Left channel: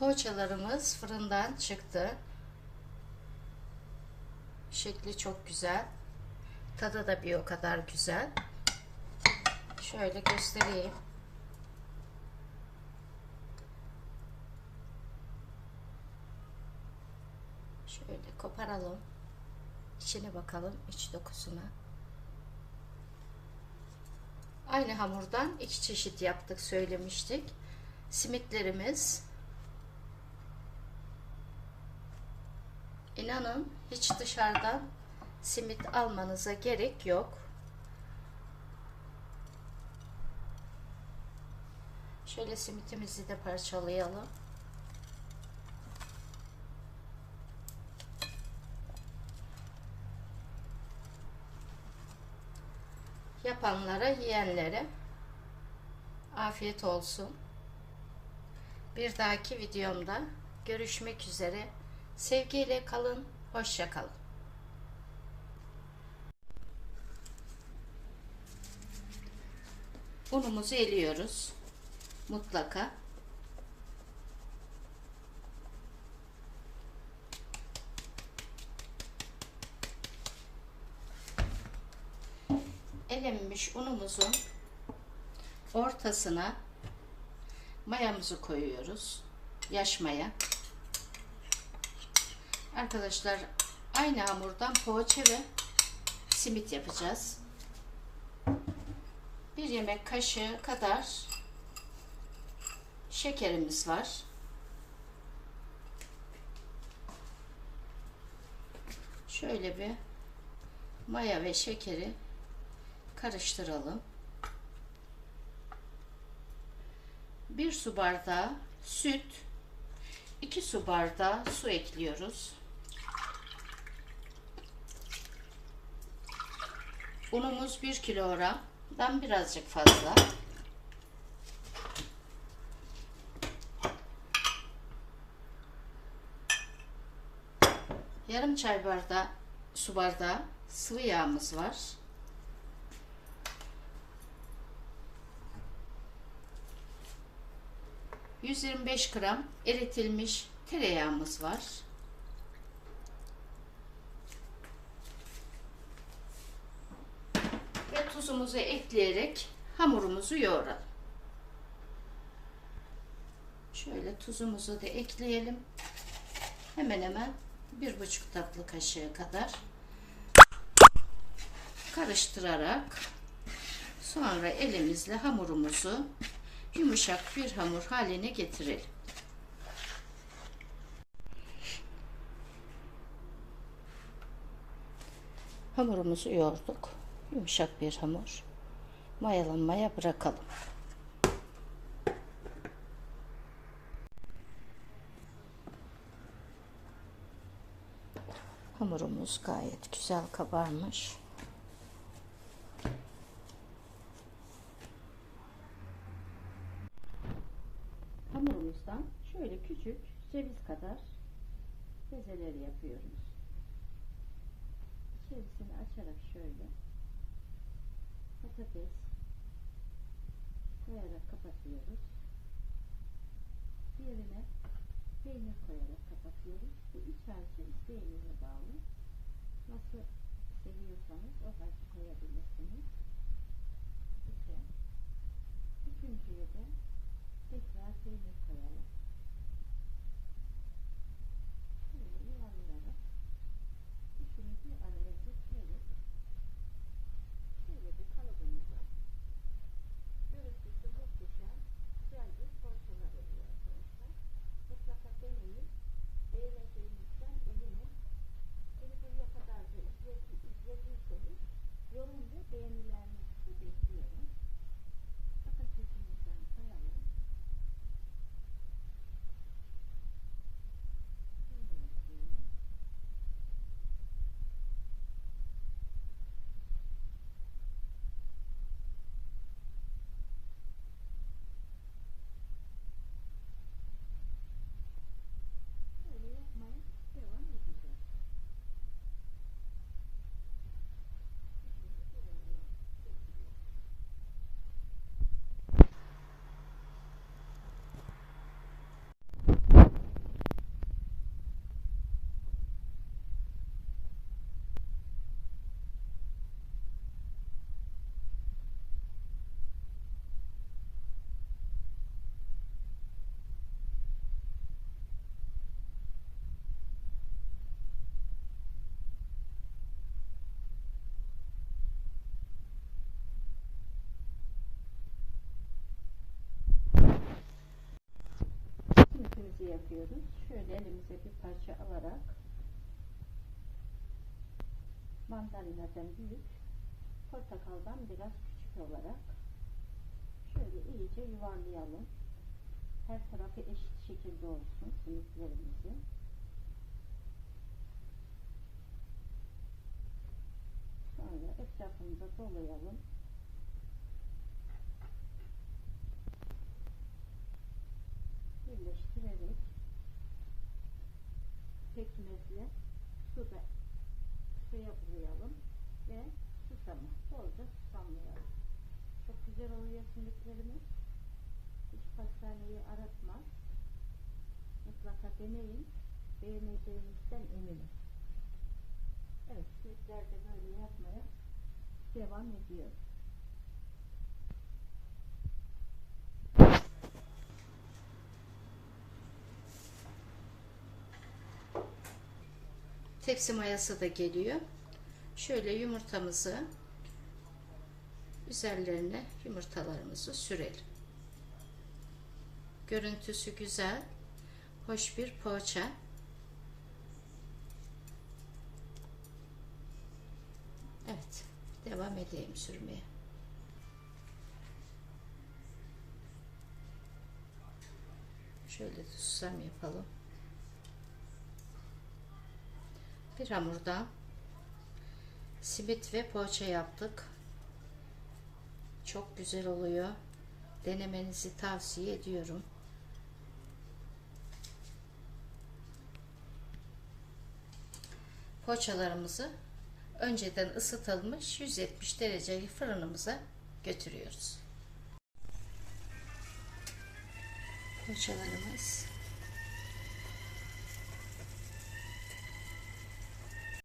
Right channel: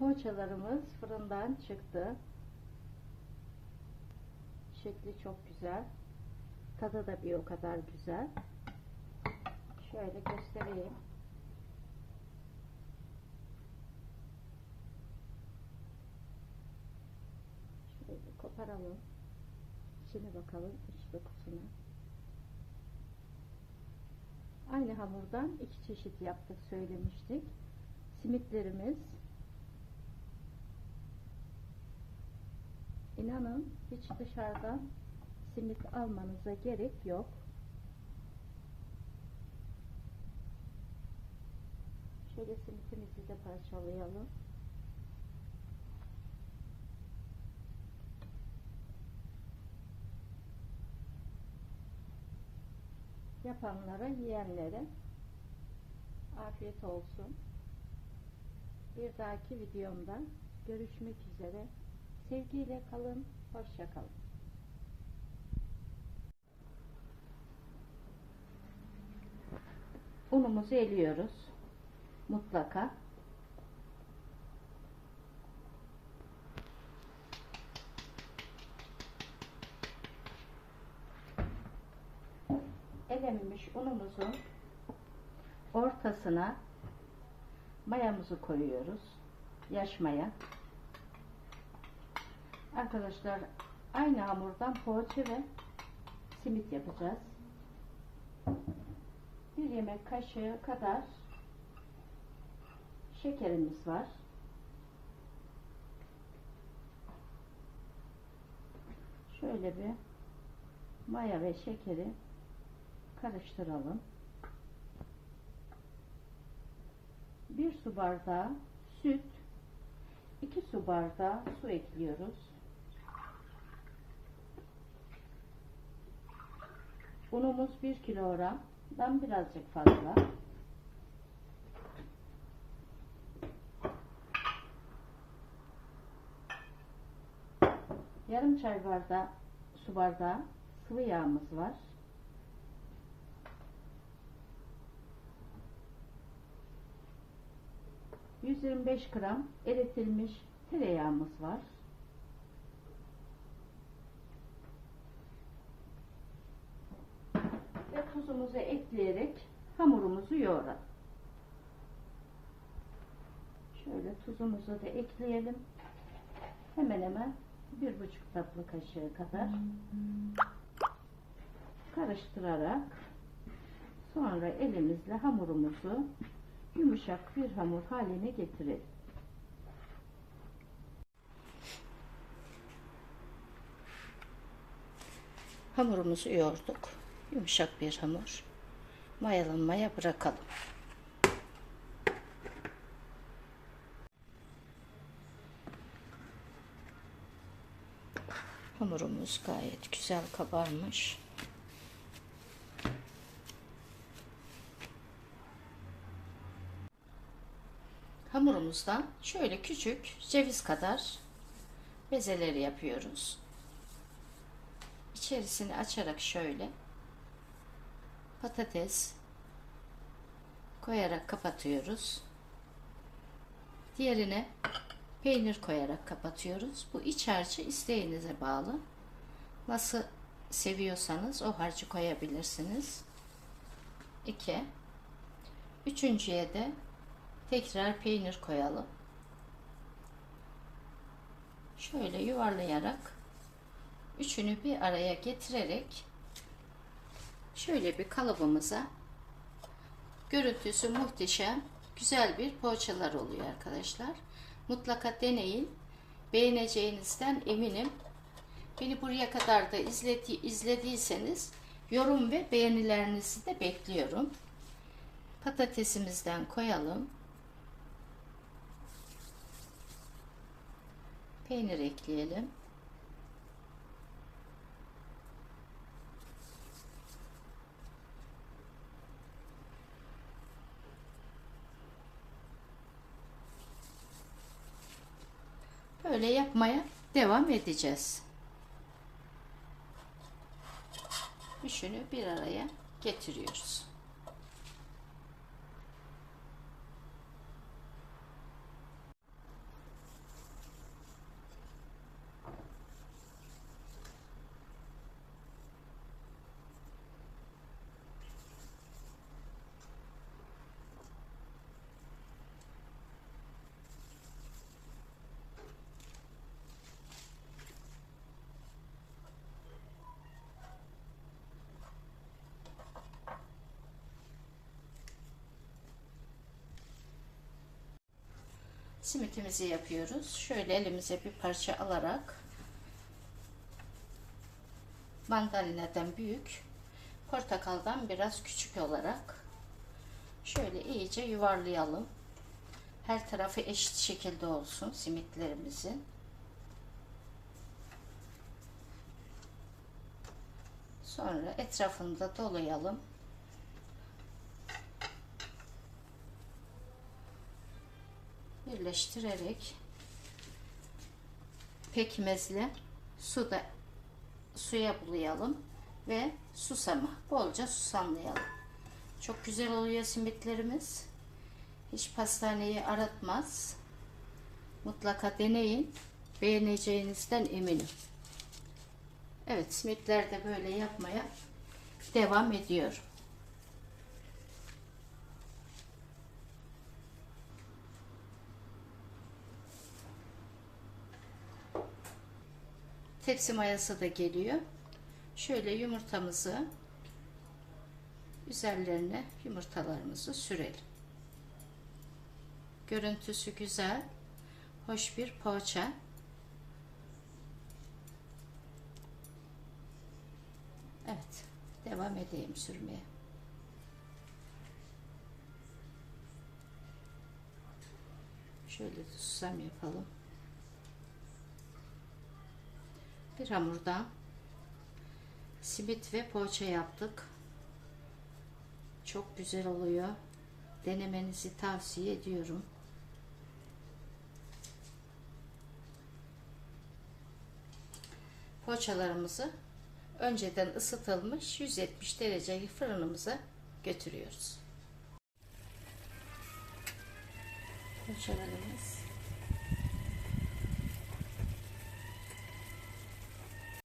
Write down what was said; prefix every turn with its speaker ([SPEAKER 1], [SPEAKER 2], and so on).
[SPEAKER 1] Poğaçalarımız fırından çıktı. Şekli çok güzel. Tadı da bir o kadar güzel. Şöyle göstereyim. Şöyle koparalım. İçine bakalım iç dokusuna. Aynı hamurdan iki çeşit yaptık söylemiştik. Simitlerimiz İnanın hiç dışarıdan simit almanıza gerek yok. Şöyle simitimizi de parçalayalım. Yapanlara, yiyenlere afiyet olsun. Bir dahaki videomda görüşmek üzere. Sevgiyle kalın, hoşça kalın. Unumuzu eliyoruz. Mutlaka. Elenmiş unumuzun ortasına mayamızı koyuyoruz. Yaş maya. Arkadaşlar aynı hamurdan poğaça ve simit yapacağız. Bir yemek kaşığı kadar şekerimiz var. Şöyle bir maya ve şekeri karıştıralım. Bir su bardağı süt, 2 su bardağı su ekliyoruz. Unumuz 1 kilogramdan birazcık fazla. Yarım çay bardağı su bardağı sıvı yağımız var. ...125 gram eritilmiş tereyağımız var. Ve tuzumuzu ekleyerek hamurumuzu yoğuralım. Şöyle tuzumuzu da ekleyelim. Hemen hemen bir buçuk tatlı kaşığı kadar karıştırarak sonra elimizle hamurumuzu yumuşak bir hamur haline getirelim. Hamurumuzu yoğurduk. Yumuşak bir hamur. Mayalanmaya bırakalım. Hamurumuz gayet güzel kabarmış. Hamurumuzdan şöyle küçük ceviz kadar bezeleri yapıyoruz. İçerisini açarak şöyle patates koyarak kapatıyoruz. Diğerine peynir koyarak kapatıyoruz. Bu iç harcı isteğinize bağlı. Nasıl seviyorsanız o harcı koyabilirsiniz. 2 Üçüncüye de tekrar peynir koyalım. Şöyle yuvarlayarak üçünü bir araya getirerek şöyle bir kalıbımıza görüntüsü muhteşem güzel bir poğaçalar oluyor arkadaşlar. Mutlaka deneyin. Beğeneceğinizden eminim. Beni buraya kadar da izledi, izlediyseniz yorum ve beğenilerinizi de bekliyorum. Patatesimizden koyalım. Peynir ekleyelim. Böyle yapmaya devam edeceğiz. Üçünü bir araya getiriyoruz. Simitimizi yapıyoruz. Şöyle elimize bir parça alarak mandalinadan büyük, portakaldan biraz küçük olarak şöyle iyice yuvarlayalım. Her tarafı eşit şekilde olsun simitlerimizin. Sonra etrafını da dolayalım. Birleştirerek pekmezle suda suya bulayalım ve susamı bolca susamlayalım. Çok güzel oluyor simitlerimiz. Hiç pastaneyi aratmaz. Mutlaka deneyin. Beğeneceğinizden eminim. Evet simitler de böyle yapmaya devam ediyorum. Tepsi mayası da geliyor. Şöyle yumurtamızı üzerlerine yumurtalarımızı sürelim. Görüntüsü güzel, hoş bir poğaça. Evet, devam edeyim sürmeye. Şöyle susam yapalım. Bir hamurdan simit ve poğaça yaptık. Çok güzel oluyor. Denemenizi tavsiye ediyorum. Poğaçalarımızı önceden ısıtılmış 170 dereceli fırınımıza götürüyoruz. Poğaçalarımız